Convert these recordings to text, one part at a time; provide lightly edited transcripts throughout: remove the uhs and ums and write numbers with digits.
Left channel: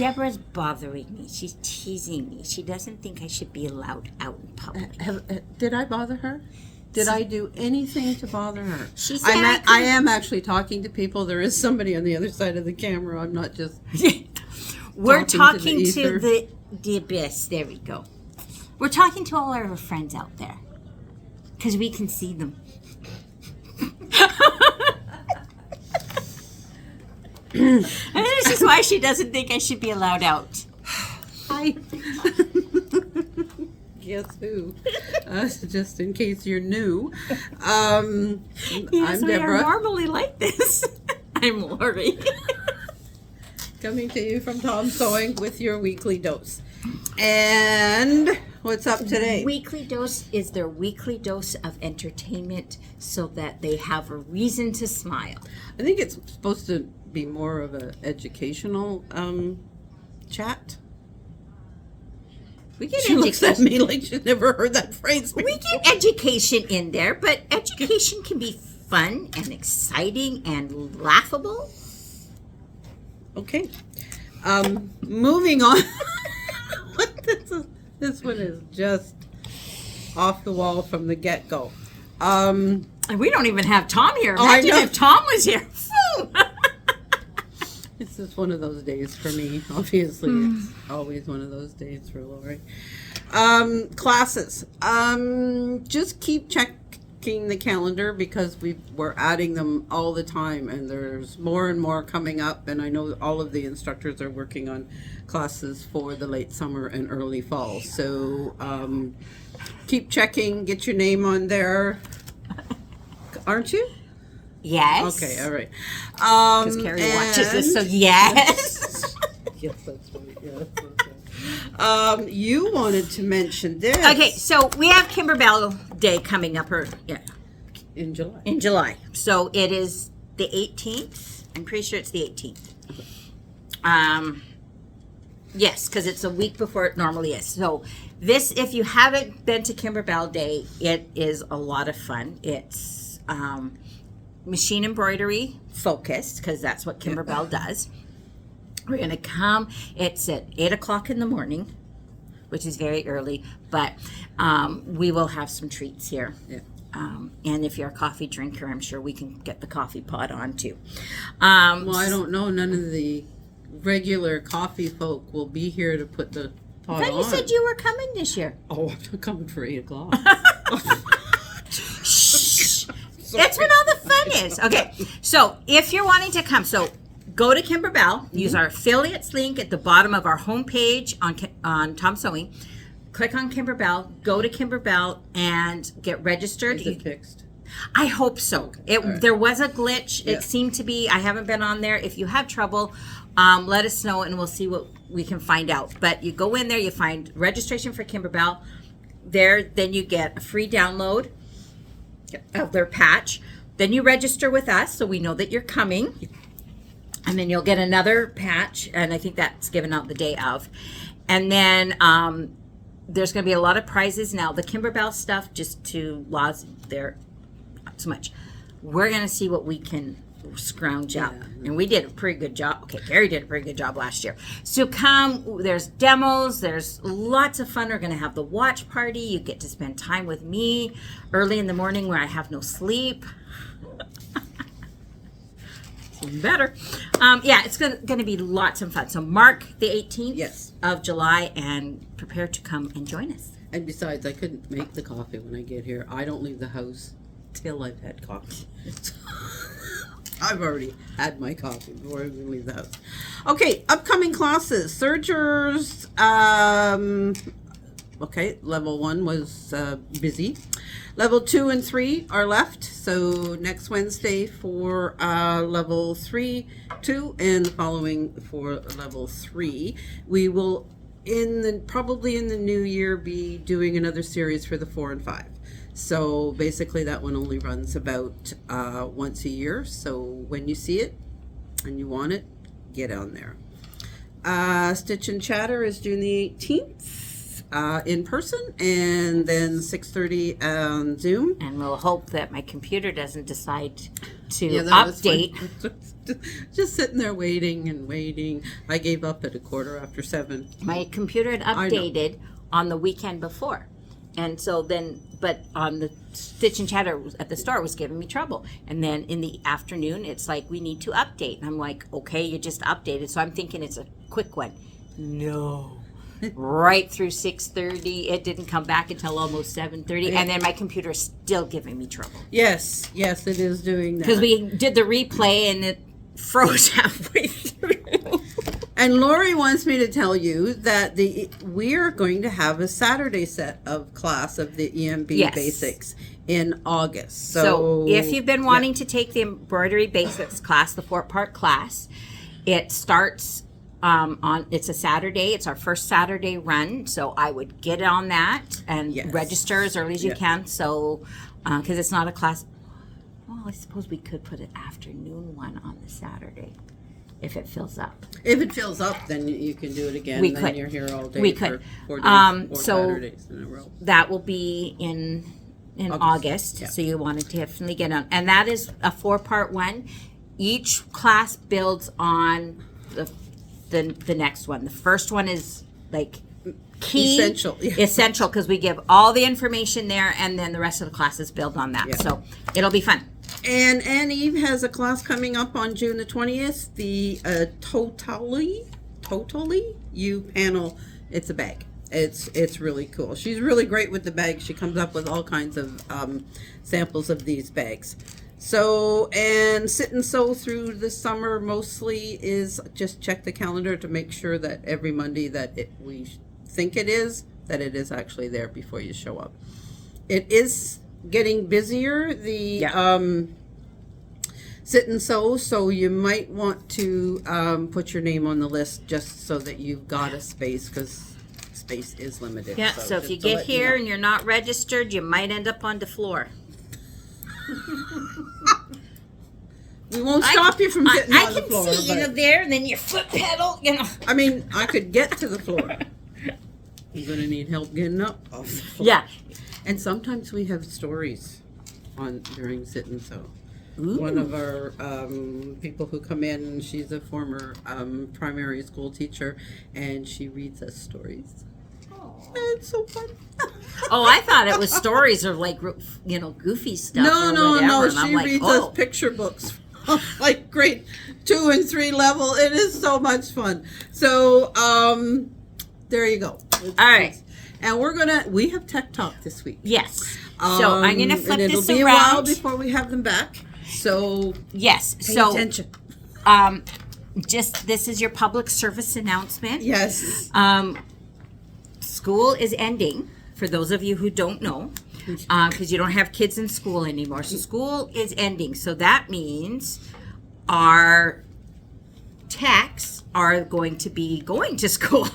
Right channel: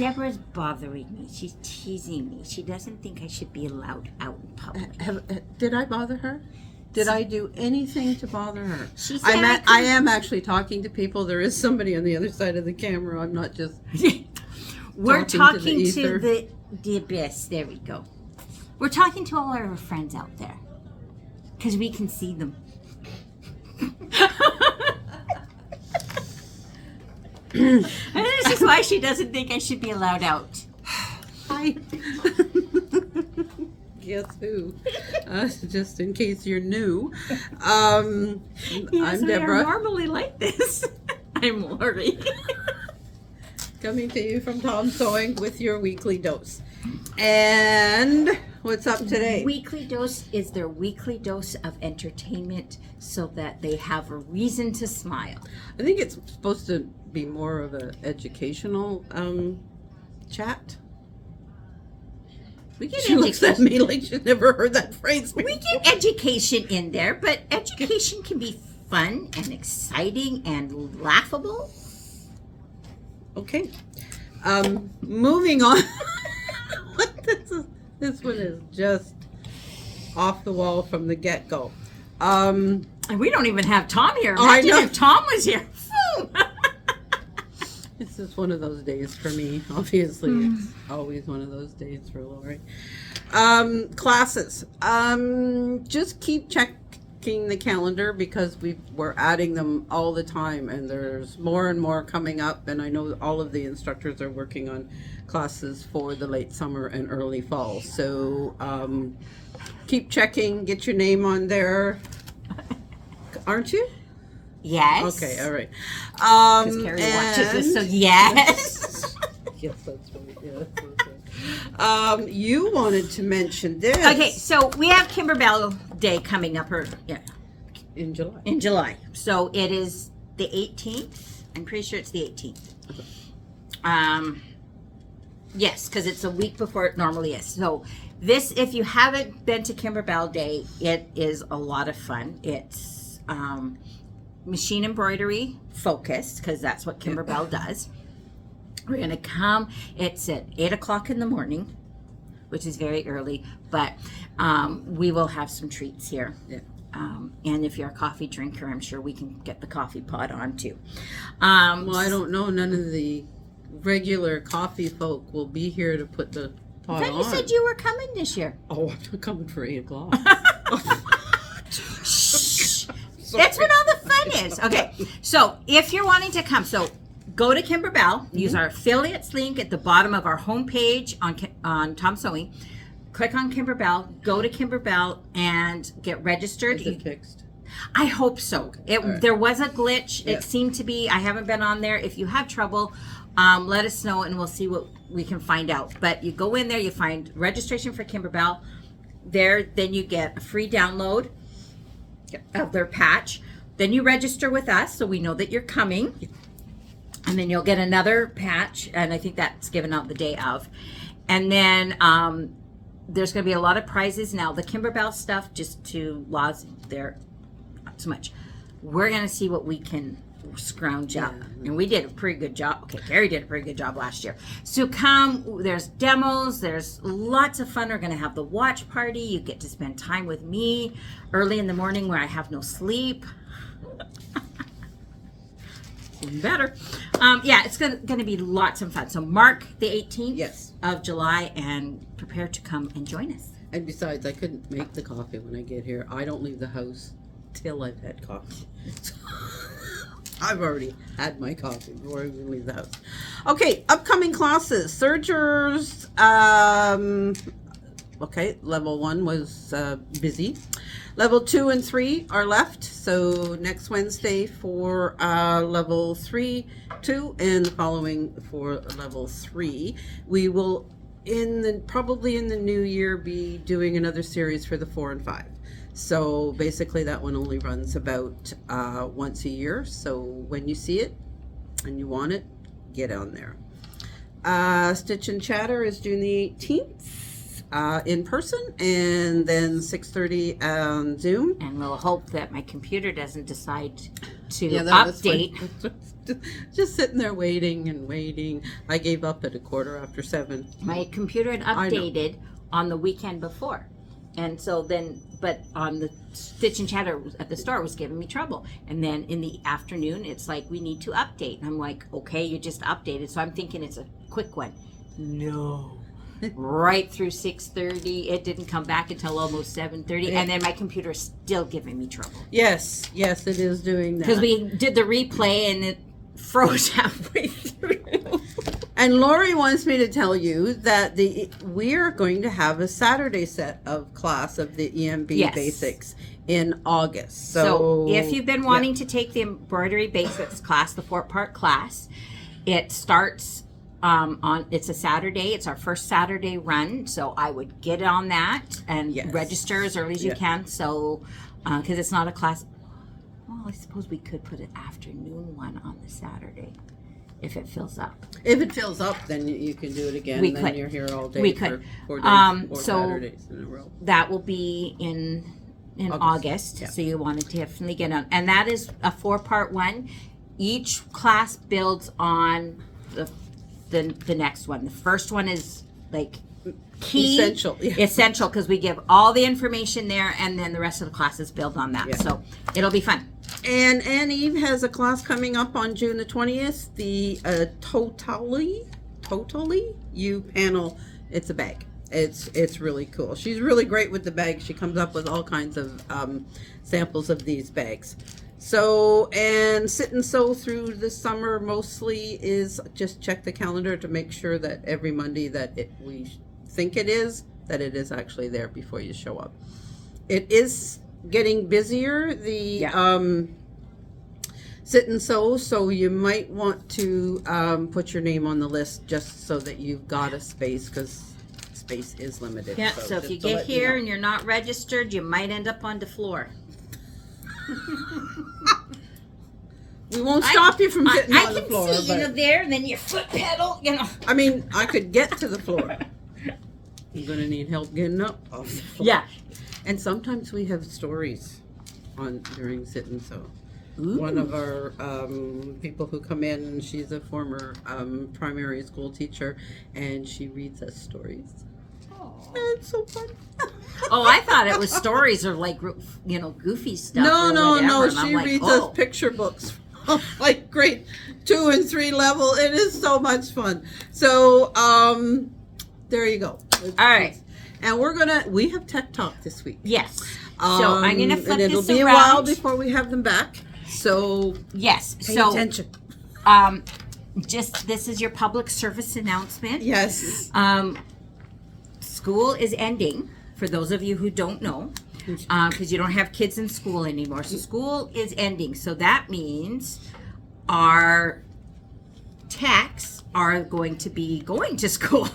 Deborah's bothering me. She's teasing me. She doesn't think I should be allowed out in public. Did I bother her? Did I do anything to bother her? She said I am actually talking to people. There is somebody on the other side of the camera. I'm not just. We're talking talking to to the abyss. There we go. We're talking to all our friends out there because we can see them. And this is why she doesn't think I should be allowed out. Hi. Guess who? Just in case you're new, I'm Deborah. I'm normally like this. I'm Lori. Coming to you from Tom Sewing with your weekly dose. And what's up today? Weekly dose is their weekly dose of entertainment so that they have a reason to smile. I think it's supposed to be more of an educational chat. We get She looks at education. me like she's never heard that phrase before. We get education in there, but education can be fun and exciting and laughable. Okay. Moving on. This one is just off the wall from the get-go. And we don't even have Tom here. Oh, I Imagine know. if Tom was here. This is one of those days for me. Obviously, it's always one of those days for Lori. Classes. Just keep checking the calendar because we're adding them all the time, and there's more and more coming up. And I know all of the instructors are working on classes for the late summer and early fall. So keep checking. Get your name on there. Aren't you? Yes. Okay, all right. Because Carrie watches this, so yes. Yes, that's right. Yes, okay. You wanted to mention this. Okay, so we have Kimberbell Day coming up In July. in July. So it is the 18th. I'm pretty sure it's the 18th. Yes, because it's a week before it normally is. So this, if you haven't been to Kimberbell Day, it is a lot of fun. It's machine embroidery focused because that's what Kimberbell does. We're going to come. It's at 8 o'clock in the morning, which is very early, but we will have some treats here. Yeah. And if you're a coffee drinker, I'm sure we can get the coffee pot on too. Well, I don't know. None of the regular coffee folk will be here to put the pot I thought on. you said you were coming this year. Oh, I'm coming for 8 o'clock. That's when all the fun is. Okay, so if you're wanting to come, so go to Kimberbell, use our affiliates link at the bottom of our homepage on Tom Sewing. Click on Kimberbell, go to Kimberbell, and get registered. Is it fixed? I hope so. There was a glitch. Yeah. It seemed to be. I haven't been on there. If you have trouble, let us know, and we'll see what we can find out. But you go in there, you find registration for Kimberbell. Then you get a free download of their patch. Then you register with us so we know that you're coming. And then you'll get another patch, and I think that's given out the day of. And then there's going to be a lot of prizes now. The Kimberbell stuff, just to laws, they're not so much. We're going to see what we can scrounge up. And we did a pretty good job. Okay, Gary did a pretty good job last year. So come, there's demos, there's lots of fun. We're going to have the watch party. You get to spend time with me early in the morning where I have no sleep. Even better. Yeah, it's going to be lots of fun. So mark the 18th of July and prepare to come and join us. And besides, I couldn't make the coffee when I get here. I don't leave the house till I've had coffee. I've already had my coffee before I even leave the house. Okay, upcoming classes. Sergers, okay, level 1 was busy. Level 2 and 3 are left. So next Wednesday for level 3, 2, and the following for level 3. We will, probably in the new year, be doing another series for the 4 and 5. So basically that one only runs about once a year. So when you see it and you want it, get on there. Stitch and Chatter is June the 18th. in person, and then 6:30 on Zoom. And we'll hope that my computer doesn't decide to that was fun. update. Just sitting there waiting and waiting. I gave up at 7:15. My computer had I know. updated on the weekend before. And so then, but on the Stitch and Chatter at the store was giving me trouble. And then in the afternoon, it's like, we need to update. And I'm like, okay, you just updated. So I'm thinking it's a quick one. No. Right through 6:30. It didn't come back until almost 7:30. And then my computer's still giving me trouble. Yes, it is doing that. Because we did the replay and it froze halfway through. And Lori wants me to tell you that we are going to have a Saturday set of class of the EMB Yes. basics in August. So if you've been wanting to take the embroidery basics class, the 4-part class, it starts it's a Saturday. It's our first Saturday run. So I would get on that and Yes. register as early as you Yes. can. So, because it's not a class. Well, I suppose we could put an afternoon one on the Saturday if it fills up. If it fills up, then you can do it again. We Then could. you're here all day We for could. 4 days, 4 So- Saturdays in a row. That will be in August. Yeah. So you want to definitely get on. And that is a 4-part one. Each class builds on the next one. The first one is like key. Essential, yeah. Essential, because we give all the information there, and then the rest of the classes build on that. Yeah. So it'll be fun. And Ann Eve has a class coming up on June the 20th, the Totally You panel. It's a bag. It's really cool. She's really great with the bags. She comes up with all kinds of samples of these bags. So, and Sit and Sew through the summer mostly is just check the calendar to make sure that every Monday that we think it is, that it is actually there before you show up. It is getting busier, Sit and Sew, so you might want to put your name on the list just so that you've got a space, because space is limited. Yeah. So if just you to get let here know. and you're not registered, you might end up on the floor. We won't stop you from sitting I on the can floor, see but you there, and then your foot pedal. I mean, I could get to the floor. I'm gonna need help getting up off the floor. Yeah. And sometimes we have stories during Sit and Sew. Ooh. One of our people who come in, she's a former primary school teacher, and she reads us stories. It's so fun. Oh, I thought it was stories of like, goofy stuff. No, or no, whatever. no. And I'm She like, reads oh. us picture books, like grade 2 and 3 level. It is so much fun. So, there you go. All right. And we have Tech Talk this week. Yes. So I'm gonna flip and this it'll be a while around. before we have them back. So Yes. pay So attention. just this is your public service announcement. Yes. School is ending, for those of you who don't know, because you don't have kids in school anymore. So school is ending. So that means our techs are going to be going to school.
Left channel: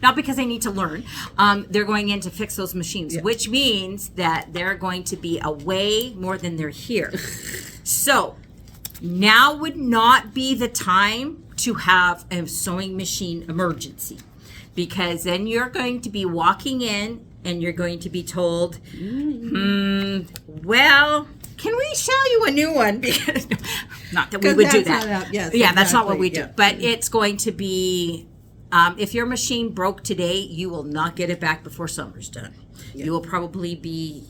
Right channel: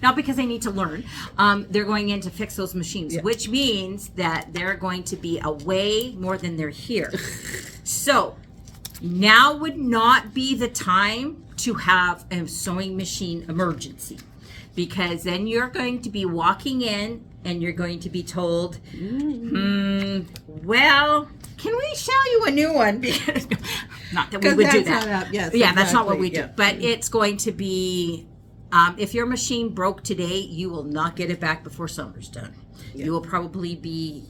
Not because they need to learn. They're going in to fix those machines, which means that they're going to be away more than they're here. So now would not be the time to have a sewing machine emergency, because then you're going to be walking in and you're going to be told, well, can we sell you a new one? Because not that we would do that. That's not what we do. Yeah. But it's going to be, if your machine broke today, you will not get it back before summer's done. Yeah. You will probably be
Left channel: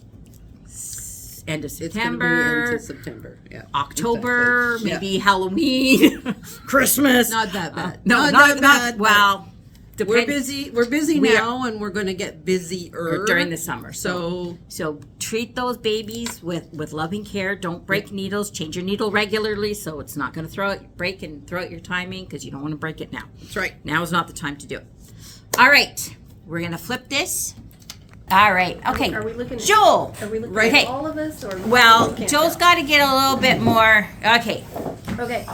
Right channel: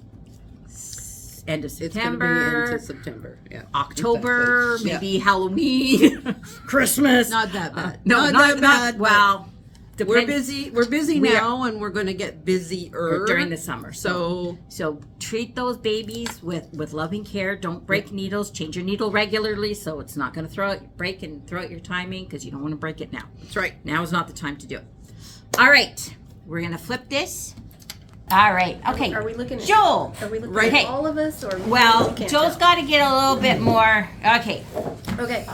end of It's gonna be September, into September. Yeah. October, Exactly. Yeah. maybe Halloween, Christmas. Not that bad. No, not bad. Well, We're depend- busy. We're busy We are- now, and we're going to get busier during the summer. So So treat those babies with loving care. Don't break needles. Change your needle regularly so it's not going to break and throw out your timing, because you don't want to break it now. that's right. Now is not the time to do it. All right, we're going to flip this. All right, okay. Are we looking at Joel. Are we looking Right. at all of us, or Well, can't Joel's tell? got to get a little bit more. Okay. Okay.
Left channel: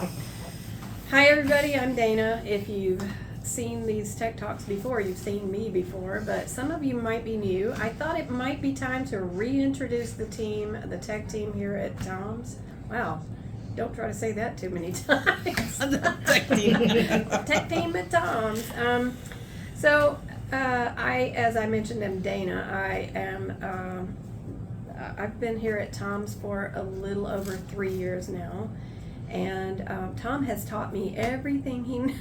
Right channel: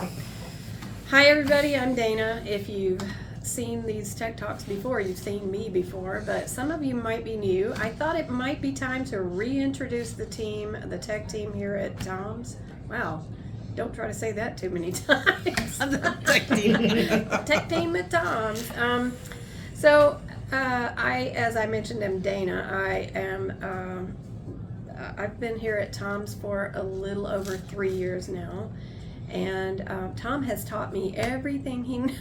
Hi everybody, I'm Dana. If you've seen these Tech Talks before, you've seen me before, but some of you might be new. I thought it might be time to reintroduce the team, the tech team here at Tom's. Wow. Don't try to say that too many times. Tech team at Tom's. So As I mentioned, am Dana. I've been here at Tom's for a little over 3 years now, and Tom has taught me everything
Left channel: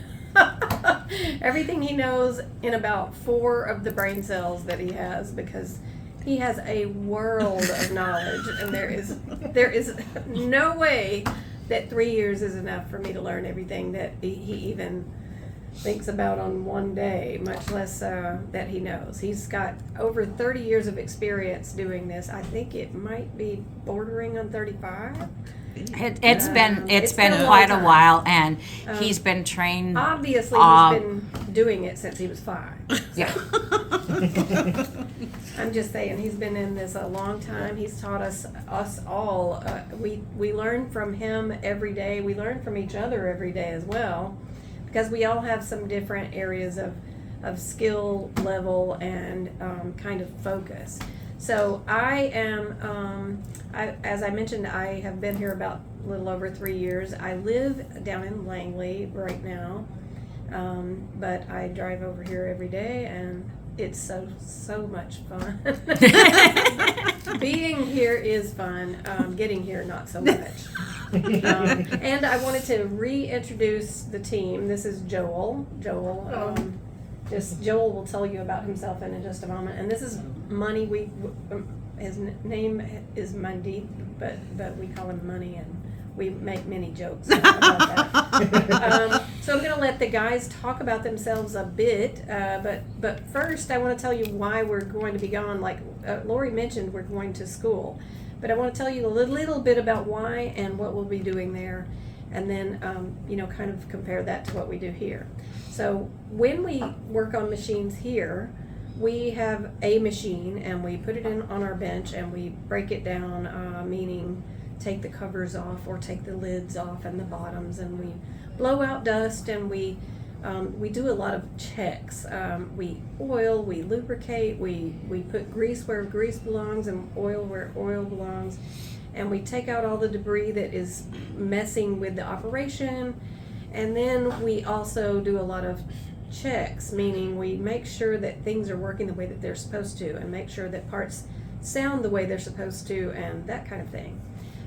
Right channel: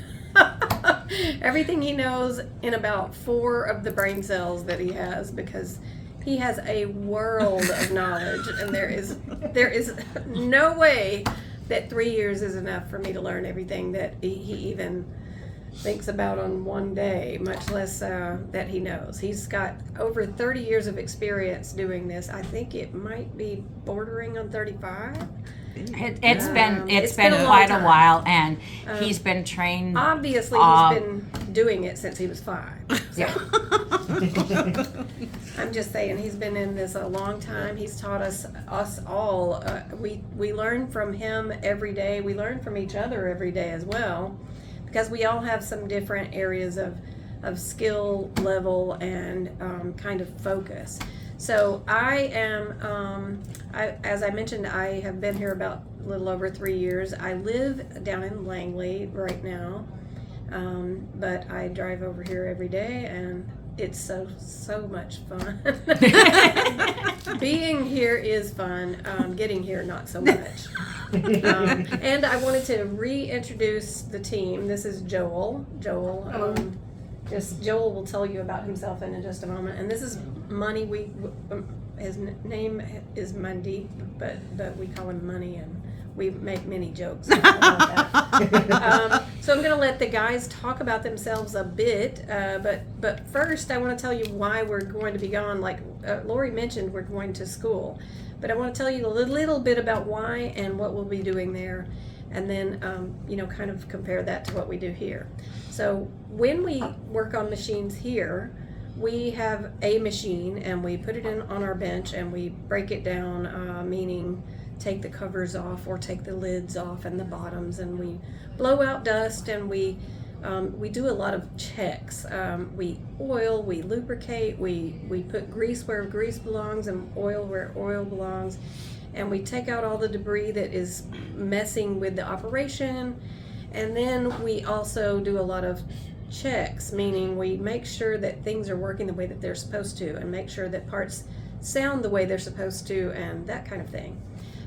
everything he knows in about 4 of the brain cells that he has, because he has a world of knowledge, and there is no way that 3 years is enough for me to learn everything that he even thinks about on one day, much less that he knows. He's got over 30 years of experience doing this. I think it might be bordering on 35. It's been a long quite a time. while, and he's been trained. Obviously, he's been doing it since he was 5. Yeah. I'm just saying, he's been in this a long time. He's taught us all. We learn from him every day. We learn from each other every day as well, because we all have some different areas of skill level and kind of focus. So I am, as I mentioned, I have been here about a little over 3 years. I live down in Langley right now, but I drive over here every day, and it's so much fun. Being here is fun. Getting here, not so much. And I wanted to reintroduce the team. This is Joel. Joel will tell you about himself in just a moment. And this is Money. His name is Mundy, but we call him Money, and we make many jokes about that. So I'm going to let the guys talk about themselves a bit. But first, I want to tell you why we're going to be gone. Like Lori mentioned, we're going to school. But I want to tell you a little bit about why and what we'll be doing there, and then kind of compare that to what we do here. So when we work on machines here, we have a machine and we put it on our bench and we break it down, meaning take the covers off or take the lids off and the bottoms, and we blow out dust, and we do a lot of checks. We oil, we lubricate, we put grease where grease belongs and oil where oil belongs, and we take out all the debris that is messing with the operation. And then we also do a lot of checks, meaning we make sure that things are working the way that they're supposed to, and make sure that parts sound the way they're supposed to, and that kind of thing.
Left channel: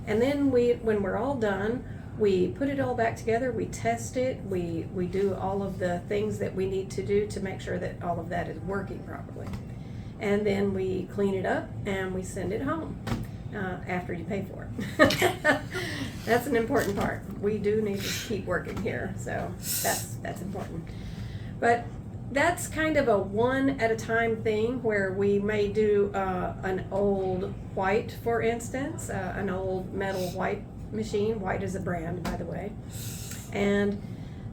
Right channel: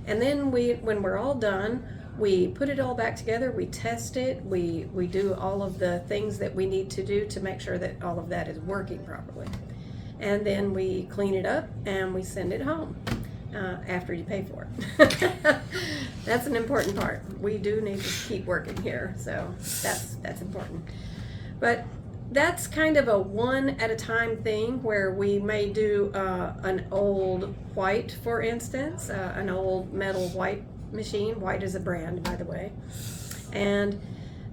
And then when we're all done, we put it all back together, we test it, we do all of the things that we need to do to make sure that all of that is working properly. And then we clean it up and we send it home after you pay for it. That's an important part. We do need to keep working here, so that's important. But that's kind of a one at a time thing, where we may do an old white, for instance, an old metal white machine. White is a brand, by the way. And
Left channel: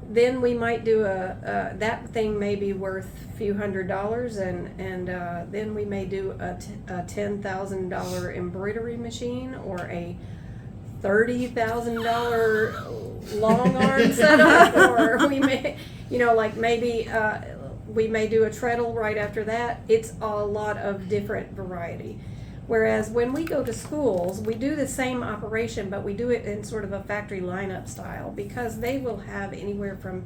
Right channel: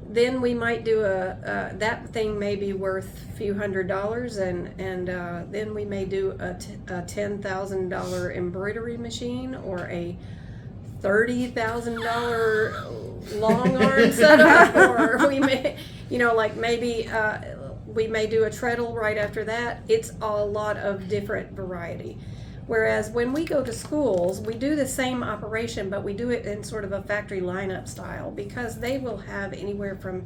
then we might do that thing may be worth a few $100s, and then we may do a $10,000 embroidery machine, or a $30,000 long arm setup, or we may, maybe we may do a treadle right after that. It's a lot of different variety. Whereas when we go to schools, we do the same operation, but we do it in sort of a factory lineup style, because they will have anywhere from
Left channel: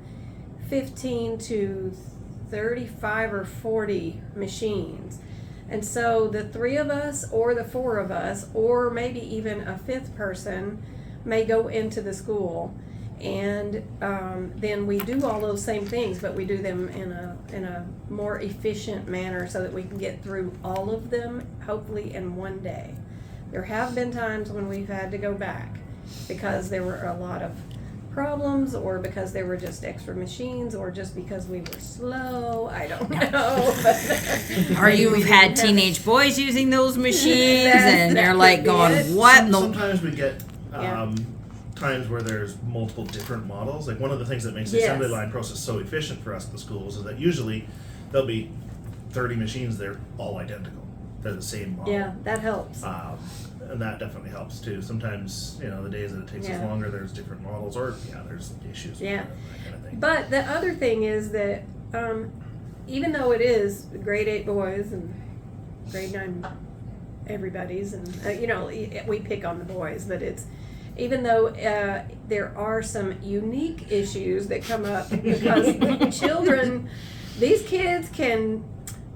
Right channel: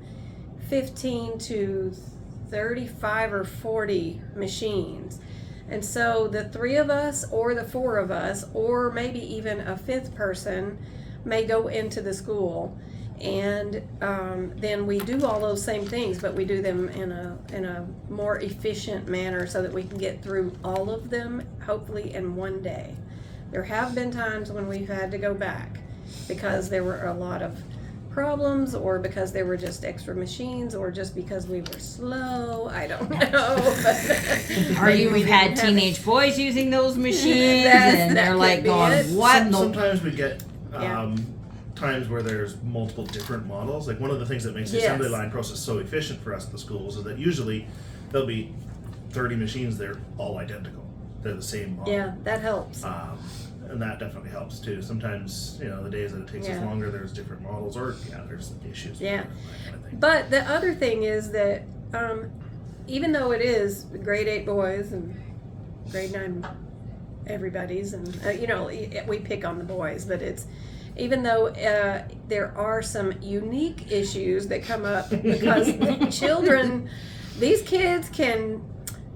15 to 35 or 40 machines. And so the 3 of us or the 4 of us, or maybe even a 5th person, may go into the school, and then we do all those same things, but we do them in a more efficient manner, so that we can get through all of them, hopefully in one day. There have been times when we've had to go back because there were a lot of problems, or because there were just extra machines, or just because we were slow. I don't know. Or you've had teenage boys using those machines, and they're like going, "What?" Sometimes we get Yeah. times where there's multiple different models. Like, one of the things that makes the Yes. assembly line process so efficient for us at the schools is that usually there'll be 30 machines. They're all identical. They're the same model. Yeah, that helps. And that definitely helps too. Sometimes, the days that it takes us Yeah. longer, there's different models, or there's issues. with Yeah. that kind of thing. But the other thing is that even though it is grade 8 boys and grade 9 everybody's, and we pick on the boys, but it's, even though there are some unique issues that come up, because children, these kids can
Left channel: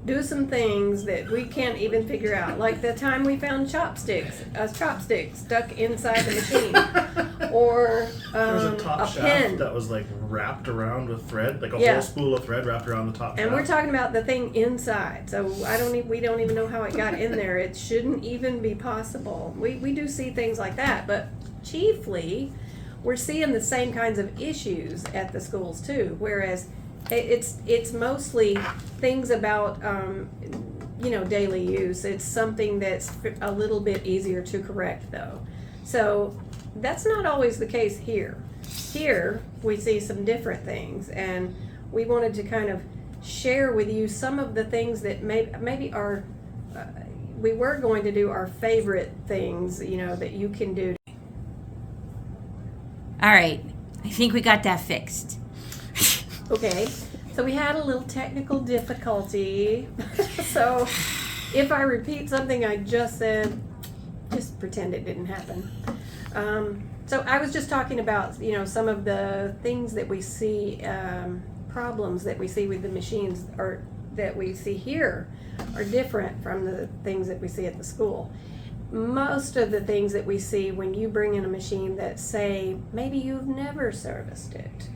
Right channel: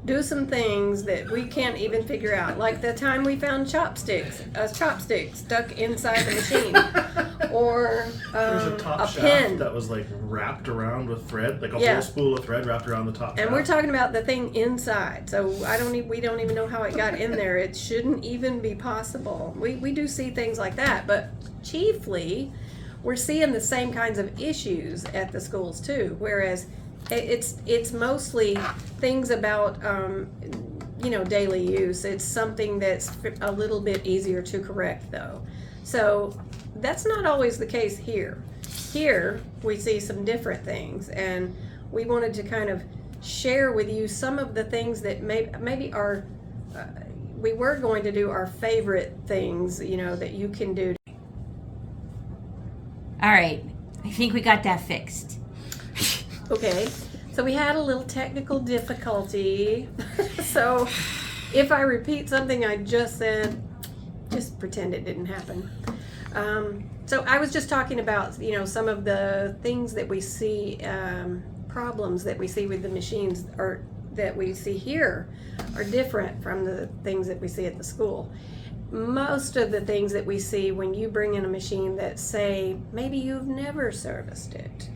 do some things that we can't even figure out. Like the time we found a chopstick stuck inside the machine. Or There's a a top shaft pin. that was like wrapped around with thread, like a Yeah. whole spool of thread wrapped around the top And shaft. we're talking about the thing inside, so we don't even know how it got in there. It shouldn't even be possible. We do see things like that, but chiefly, we're seeing the same kinds of issues at the schools too. Whereas it's mostly things about daily use. It's something that's a little bit easier to correct though. So that's not always the case here. Here we see some different things, and we wanted to kind of share with you some of the things that maybe are we were going to do our favorite things, that you can do. All right, I think we got that fixed. Okay, so we had a little technical difficulty. So if I repeat something I just said, just pretend it didn't happen. So I was just talking about, some of the things that we see, problems that we see with the machines or that we see here are different from the things that we see at the school. Most of the things that we see when you bring in a machine that say maybe you've never serviced it,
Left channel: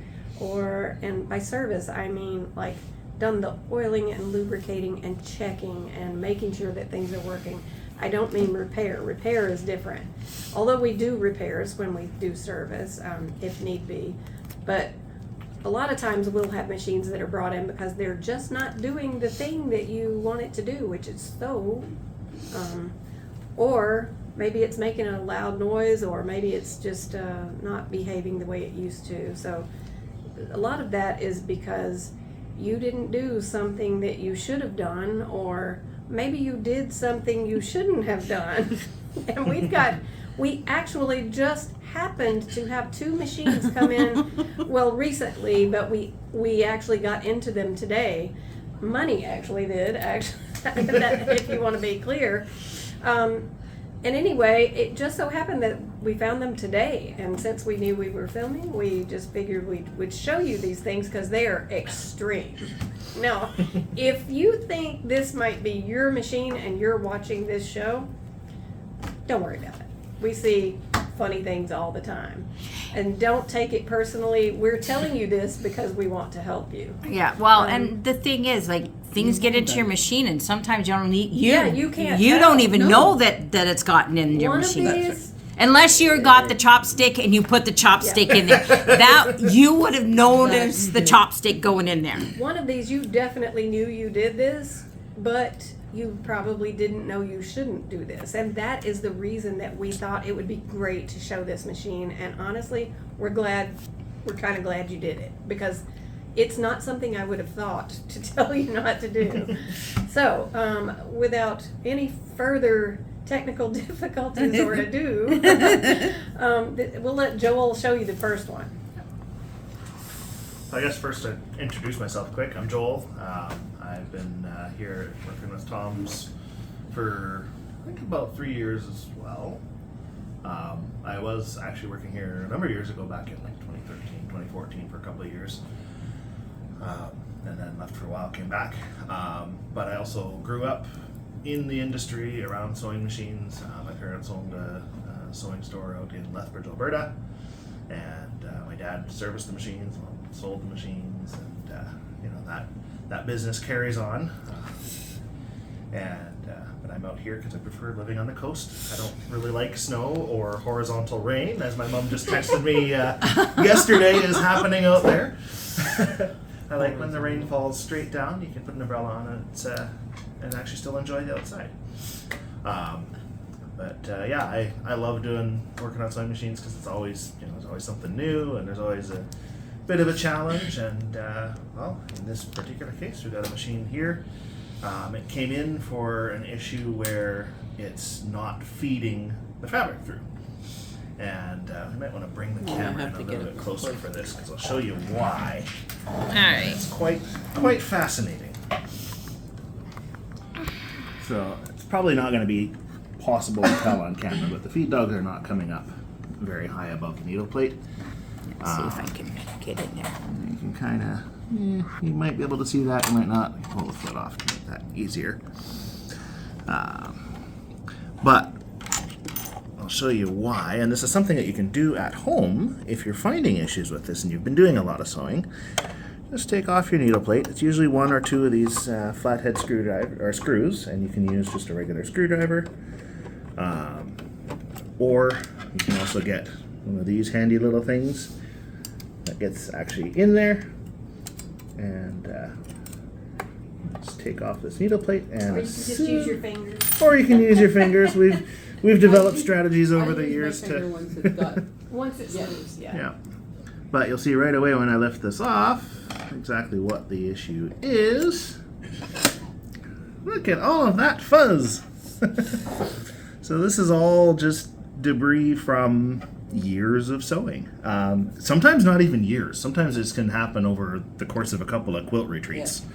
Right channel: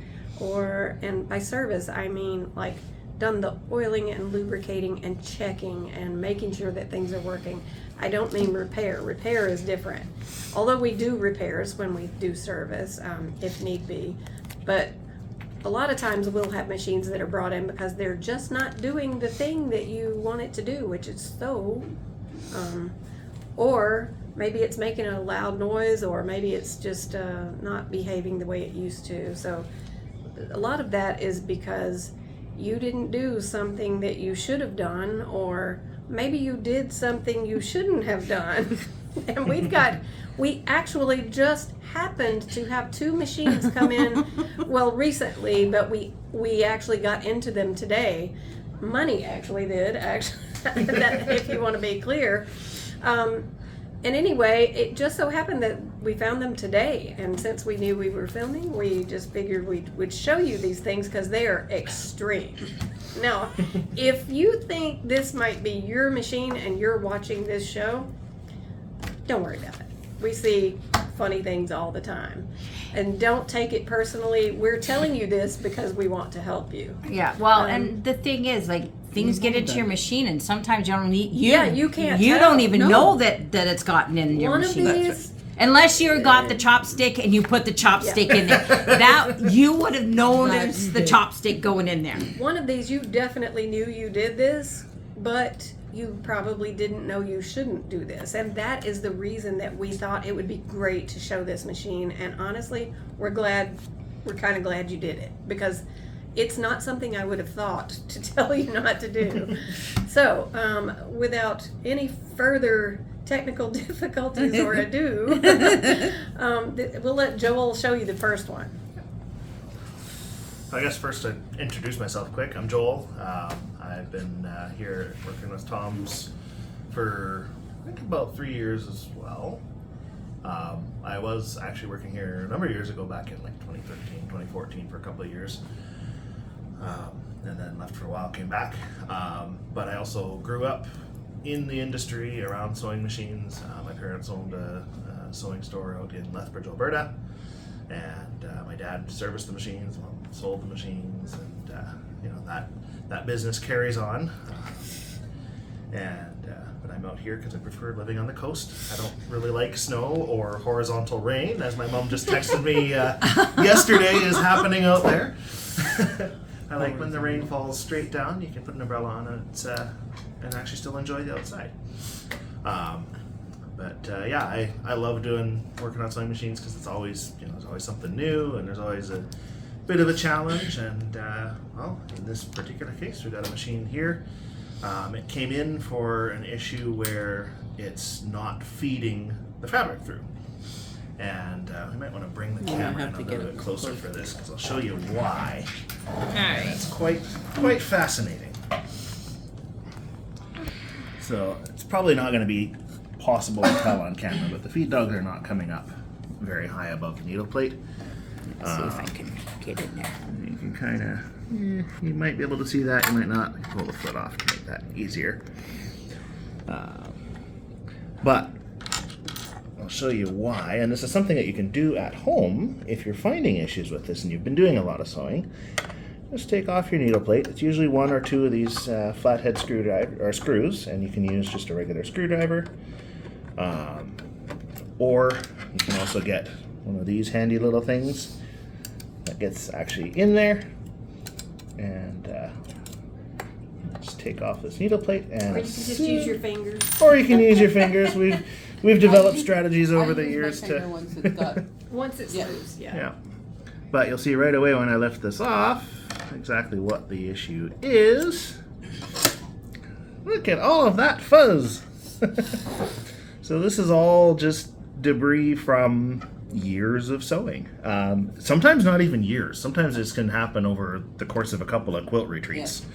and by service I mean like done the oiling and lubricating and checking and making sure that things are working. I don't mean repair. Repair is different. Although we do repairs when we do service, if need be. But a lot of times we'll have machines that are brought in because they're just not doing the thing that you want it to do, which is sew. Or maybe it's making a loud noise, or maybe it's just not behaving the way it used to. So a lot of that is because you didn't do something that you should have done, or maybe you did something you shouldn't have done. And we actually just happened to have 2 machines come in, well, recently, but we actually got into them today. Money actually did, that, if you want to be clear. And anyway, it just so happened that we found them today, and since we knew we were filming, we just figured we would show you these things because they are extreme. Now, if you think this might be your machine and you're watching this show, don't worry about it. We see funny things all the time. And don't take it personally. We're telling you this because we want to help you. Yeah, well, and the thing is, like, things get into your machine, and sometimes you don't need you. Yeah, you can't You tell. don't even know that it's gotten in your One of machine. these, Unless you got the chopstick and you put the chopstick in there, that you would have noticed the chopstick going in there. one of these, you definitely knew you did this, but you probably didn't know you shouldn't do this. And that is the reason that we thought it would be great to show this machine. And honestly, we're kind of glad you did it, because it's not something I would have thought to tell you not to do. So, without any further technical difficulties or ado, we'll let Joel show you the first one. I guess first to introduce myself quick, I'm Joel. I've been here working with Tom's for I think about 3 years as well. I was actually working here a number of years ago, back in like 2013, 2014 for a couple of years. And then left for a while, came back. But I also grew up in the industry around sewing machines. My parents owned a sewing store out in Lethbridge, Alberta. And my dad serviced the machines, Mom sold the machines, and that business carries on. But I'm out here because I prefer living on the coast. I don't really like snow or horizontal rain, as my mom just texted me yesterday is happening out there. I like when the rain falls straight down. You can put an umbrella on it and actually still enjoy the outside. I love working on sewing machines because it's always there's always something new, and there's always a bit of a challenge. And in this particular case, we got a machine here. It came in for an issue where it's not feeding the fabric through. And we might want to bring the camera in a little bit closer for this, because I'll show you why. All right. It's quite fascinating. So it's probably not going to be possible to tell on camera, but the feed dogs are not coming up very high above the needle plate. Let's see if I can get in there. You can kind of, you might be able to see that, you might not. I can pull the foot off to make that easier. But I'll show you why, and this is something that you can do at home if you're finding issues with this and you've been doing a lot of sewing. Just take off your needle plate. It's usually one or two of these flathead screwdriver or screws, and you can use just a regular screwdriver, or you can also get one of these handy little things that gets actually in there, and just take off this needle plate, and Or you can just use your fingers. or you can use your fingers. We've developed strategies over the I use my years finger to. once it's got- Once it moves, yeah. Yeah. But you'll see right away when I lift this off exactly what the issue is. Look at all of that fuzz. So this is all just debris from years of sewing. Sometimes not even years. Sometimes this can happen over the course of a couple of quilt retreats.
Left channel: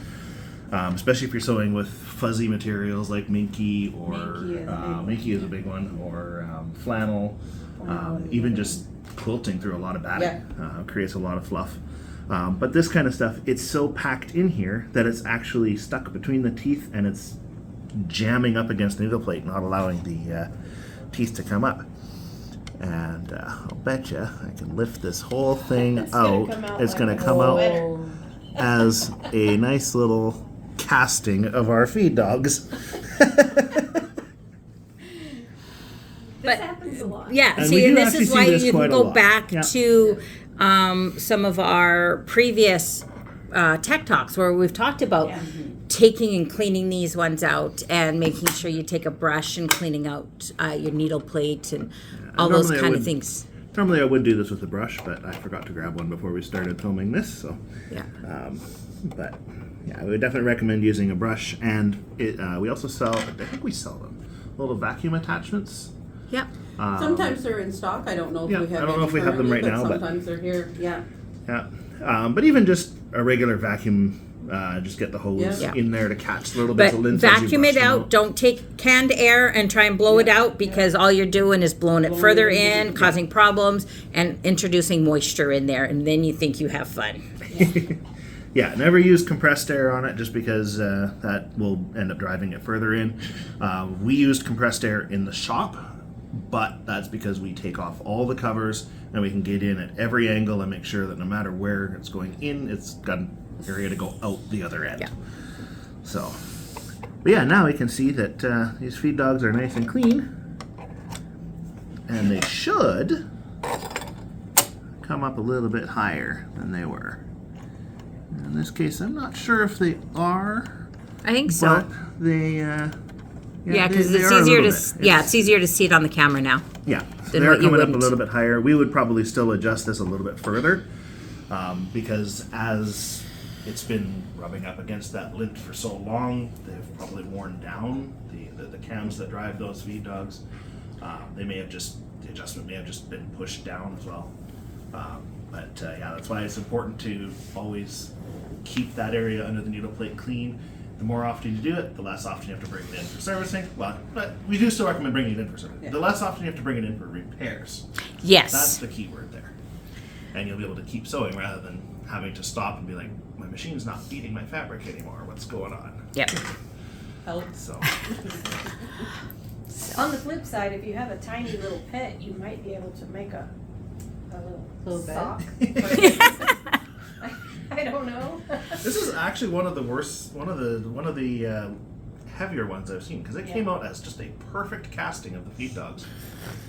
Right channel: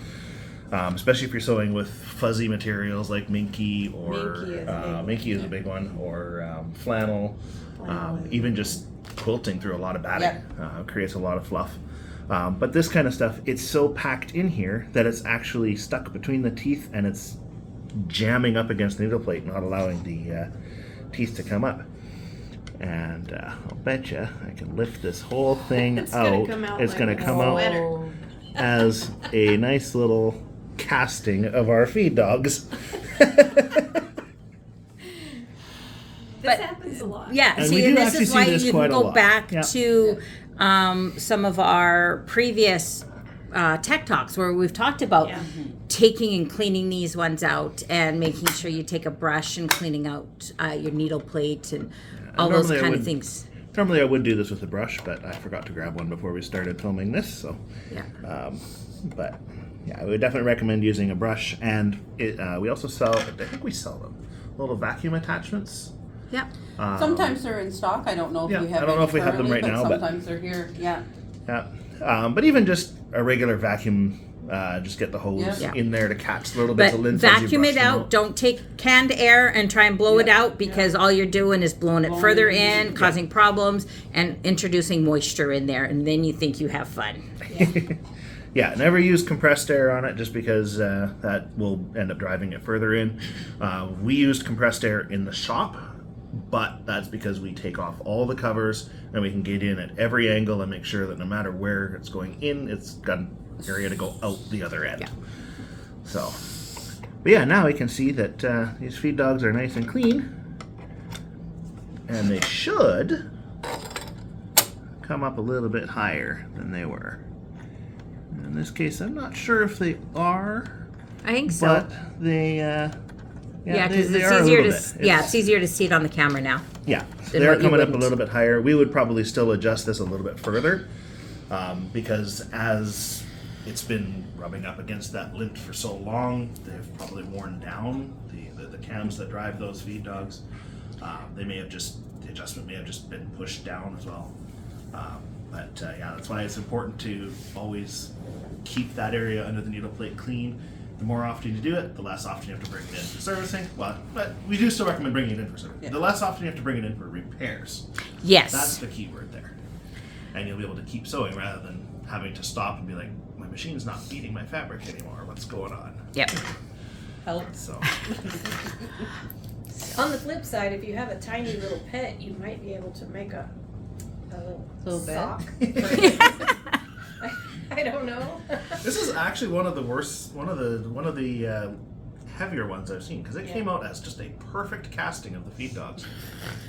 Especially if you're sewing with fuzzy materials like minky or minky is a big one, or flannel. Even just quilting through a lot of batting creates a lot of fluff. But this kind of stuff, it's so packed in here that it's actually stuck between the teeth and it's jamming up against the needle plate, not allowing the teeth to come up. And I'll bet you I can lift this whole thing It's gonna out. come out It's like going to a come out sweater. as a nice little casting of our feed dogs. This happens a lot. Yeah, And see, we do and this actually is see why this you can quite a go lot. back Yeah. to some of our previous tech talks where we've talked about Yeah. taking and cleaning these ones out and making sure you take a brush and cleaning out your needle plate and all those normally I kind of would- things. Normally I would do this with a brush, but I forgot to grab one before we started filming this. So, Yeah. but yeah, I would definitely recommend using a brush. And we also sell, I think we sell them, little vacuum attachments. Yep. Sometimes they're in stock. I don't know if Yeah, we have. I don't know any if we have them currently, right now, but- sometimes they're here. Yeah. Yeah, but even just a regular vacuum, just get the hose Yeah. in there to catch little bits But of lint. as you vacuum brush it them out. Don't take canned air and try and blow it out because all you're doing is blowing it further in, causing problems, and introducing moisture in there. And then you think you have fun. Yeah, never use compressed air on it just because that will end up driving it further in. We used compressed air in the shop, but that's because we take off all the covers and we can get in at every angle and make sure that no matter where it's going in, it's got an area to go out the other end. Yeah. So, but yeah, now we can see that these feed dogs are nice and clean, and they should come up a little bit higher than they were. In this case, I'm not sure if they are, I think so. but they, Yeah, they because are it's a easier to little bit. it's easier to see it on the camera now. Yeah, so than they're what you coming up a wouldn't. little bit higher. We would probably still adjust this a little bit further because as it's been rubbing up against that lint for so long, they've probably worn down the cams that drive those feed dogs. They may have just, the adjustment may have just been pushed down as well. But yeah, that's why it's important to always keep that area under the needle plate clean. The more often you do it, the less often you have to bring it in for servicing. Well, but we do still recommend bringing it in for servicing. Yeah. The less often you have to bring it in for repairs. That's Yes. the key word there. And you'll be able to keep sewing rather than having to stop and be like, my machine's not feeding my fabric anymore. What's going on? Yep. So, On the flip side, if you have a tiny little pet, you might be able to make a Little bed? sock. I don't know. this is actually one of the worst, one of the heavier ones I've seen because it came out as just a perfect casting of the feed dogs.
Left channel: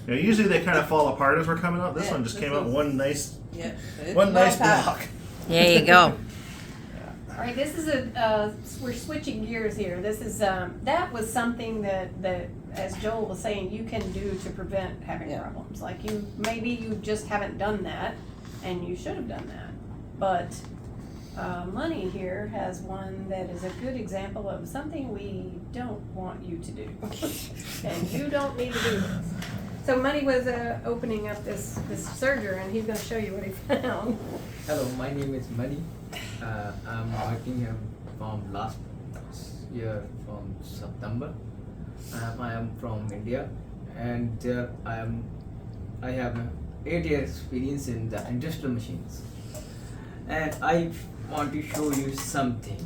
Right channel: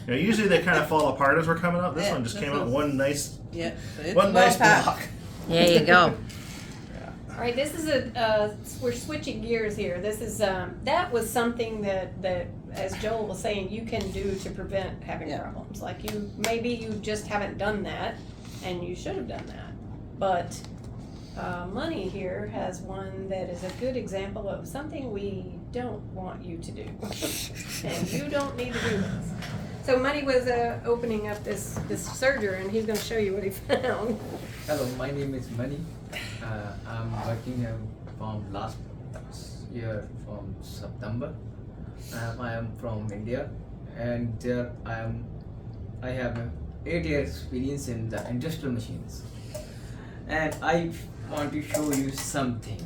You know, usually they kind of fall apart as we're coming out. This Yeah, one just this came out one- one nice Yeah. block. There you go. All right, this is we're switching gears here. This is, that was something that, as Joel was saying, you can do to prevent having Yeah. problems. Like maybe you just haven't done that, and you should have done that. But Money here has one that is a good example of something we don't want you to do. And you don't need to do this. So Money was opening up this serger, and he's gonna show you what he found. Hello, my name is Mani. I'm working from last year from September. I am from India, and there I have 8 years experience in the industrial machines, and I want to show you something.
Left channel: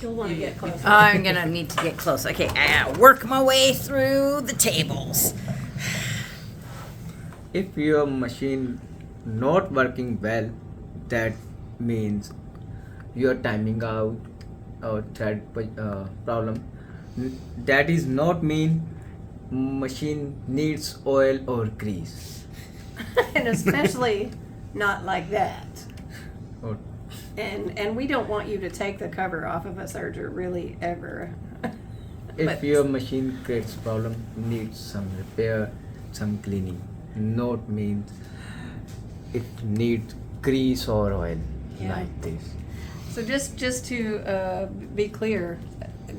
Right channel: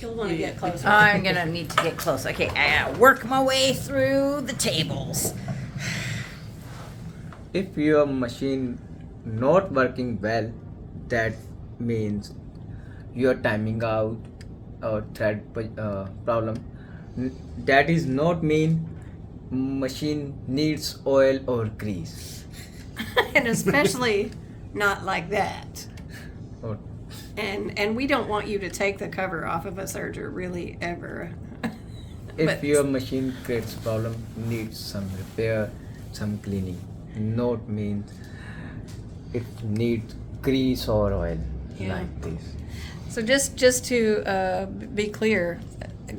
You'll want to get closer. I'm gonna need to get close. Okay, I gotta work my way through the tables. If your machine not working well, that means your timing out or thread problem. That is not mean machine needs oil or grease. And especially not like that. Or And we don't want you to take the cover off of a serger really ever. if But- your machine creates problem, needs some repair, some cleaning. Not means it needs grease or oil Yeah. like this. So just to be clear,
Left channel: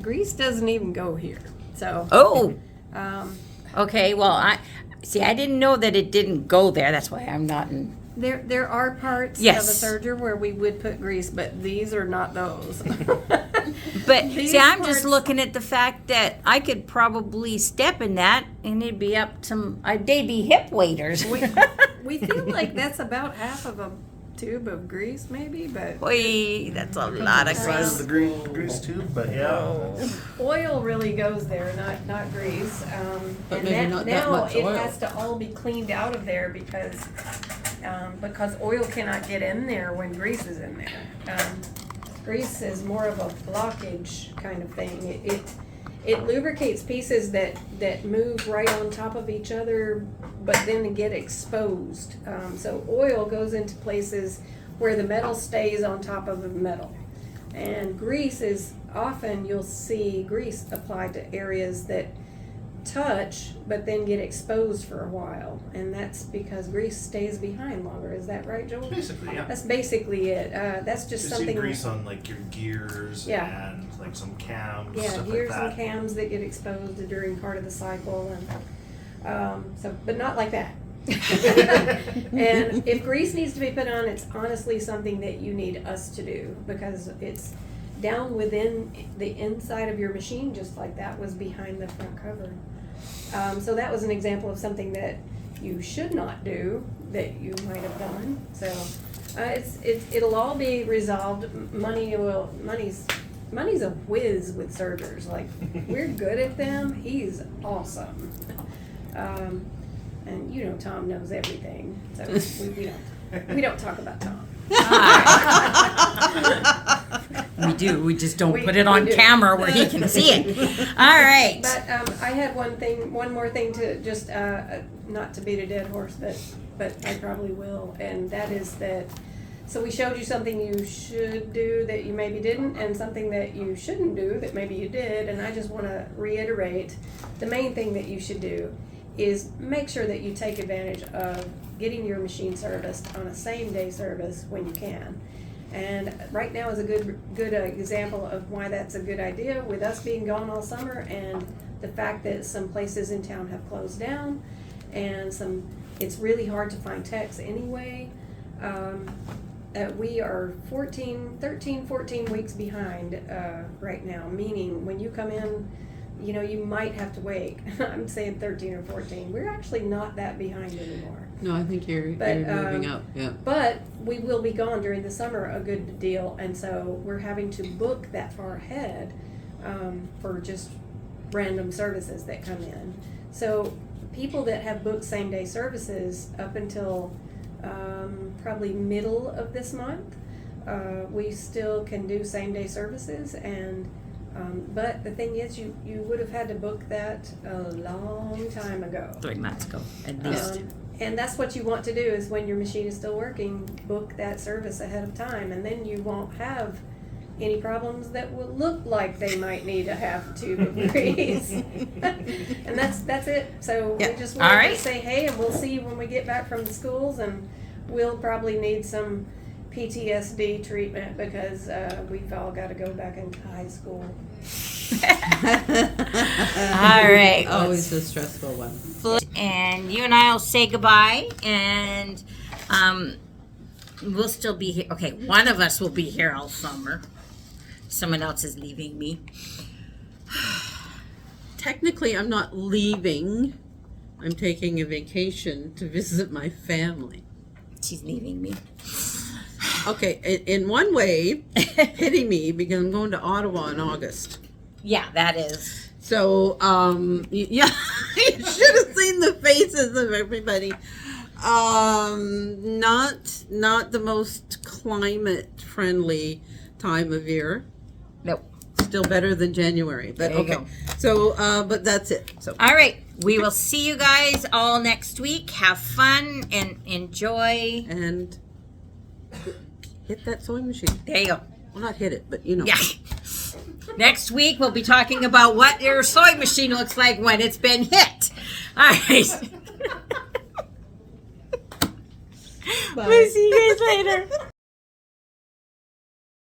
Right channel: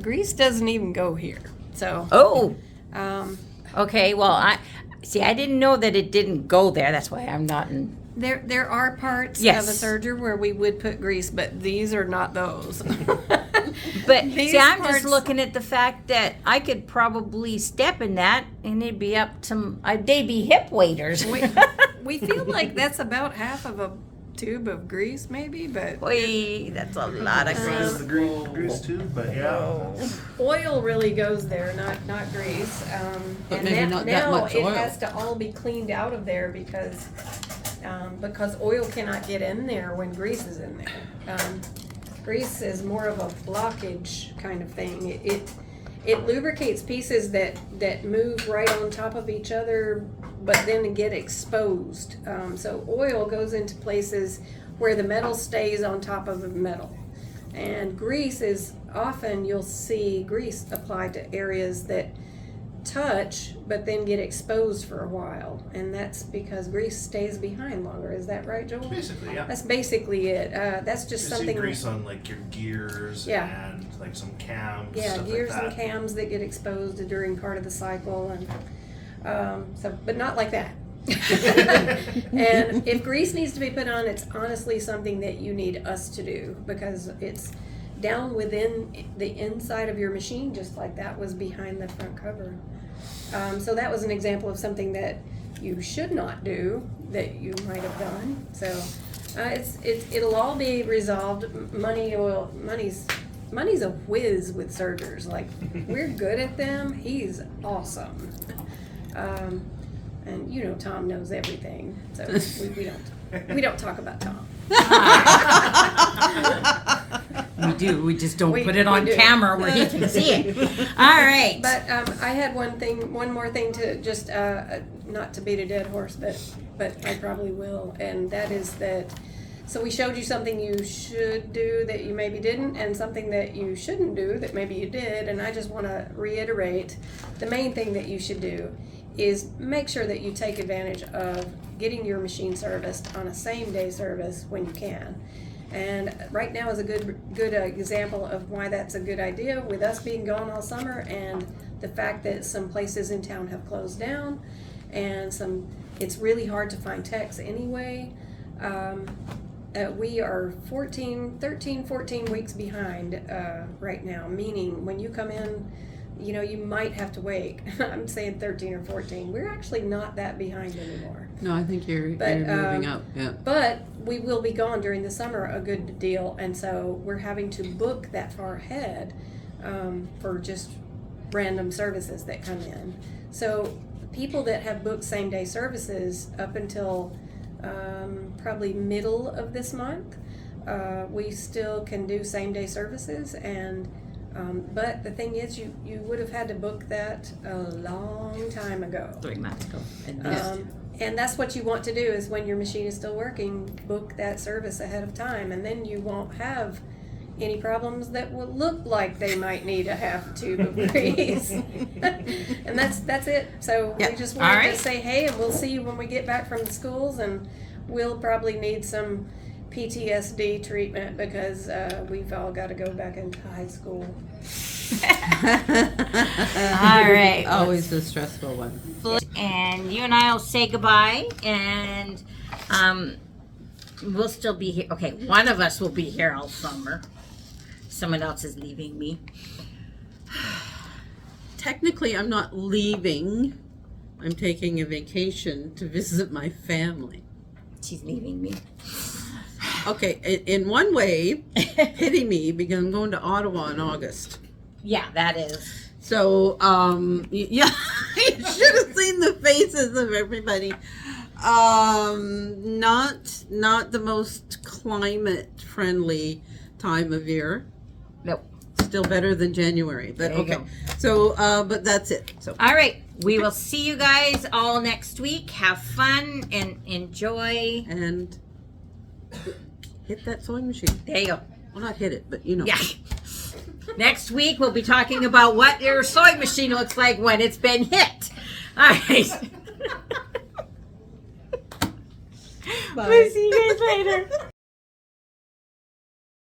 grease doesn't even go here. So Oh, um, okay. Well, I didn't know that it didn't go there. That's why I'm not in. there are parts Yes. of a serger where we would put grease, but these are not those. But These see, I'm just parts- looking at the fact that I could probably step in that, and it'd be up to they'd be hip waders. We feel like that's about half of a tube of grease, maybe, but Oy, that's a lot of Size grease. of the grease tube, but yeah. Oh. oil really goes there, not grease. But And maybe that- not that now much it oil. has to all be cleaned out of there because oil cannot get in there when grease is in there. Grease is more of a blockage kind of thing. It lubricates pieces that move right on top of each other, but then get exposed. So oil goes into places where the metal stays on top of the metal. And grease is often, you'll see grease applied to areas that touch but then get exposed for a while. And that's because grease stays behind longer. Is that right, Joel? Basically, yeah. That's basically it. That's just You see something. grease on like your gears Yeah. and like some cams, Yeah, stuff gears like and that. cams that get exposed during part of the cycle, and but not like that. And if grease needs to be put on, it's honestly something that you need us to do because it's down within the inside of your machine, just like that was behind the front cover. So that was an example of something that you should not do that you might have done. So it'll all be resolved. Money's a whiz with sergers. Like we're good at them. He's awesome. And you know Tom knows everything. So we don't talk about Tom. We do. We just don't We- put it on we do. camera where he can see it. All right. But I had one more thing to just not to beat a dead horse, but I probably will, and that is that. So we showed you something you should do that you maybe didn't, and something that you shouldn't do that maybe you did. And I just want to reiterate, the main thing that you should do is make sure that you take advantage of getting your machine serviced on a same-day service when you can. And right now is a good example of why that's a good idea with us being gone all summer and the fact that some places in town have closed down and it's really hard to find techs anyway. We are 14 weeks behind right now, meaning when you come in, you know, you might have to wait. I'm saying 13 or 14. We're actually not that behind anymore. No, I think you're But, moving up. Yeah. But we will be gone during the summer a good deal, and so we're having to book that far ahead for just random services that come in. So people that have booked same-day services up until probably middle of this month, we still can do same-day services, and but the thing is, you would have had to book that a long time ago. 3 months ago, at least. And that's what you want to do is when your machine is still working, book that service ahead of time, and then you won't have any problems that will look like they might need a half tube of grease. And that's it. So Yeah. we just All wanted right. to say, hey, and we'll see you when we get back from the schools, and we'll probably need some PTSD treatment because we've all got to go back into high school. All right. Always a stressful one. And you and I will say goodbye, and we'll still be here. Okay, one of us will be here all summer. Someone else is leaving me. Technically, I'm not leaving I'm taking a vacation to visit my family. She's leaving me. Okay, in one way, hitting me because I'm going to Ottawa in August. Yeah, that is. So, yeah, you should have seen the faces of everybody. Not the most climate friendly time of year. Nope. Still better than January, but There you okay. go. So, but that's it. So, All right. We will see you guys all next week. Have fun and enjoy. and hit that sewing machine. There you go. Well, not hit it, but you know. Yeah. Next week we'll be talking about what your sewing machine looks like when it's been hit. All right. Bye. We'll see you guys later.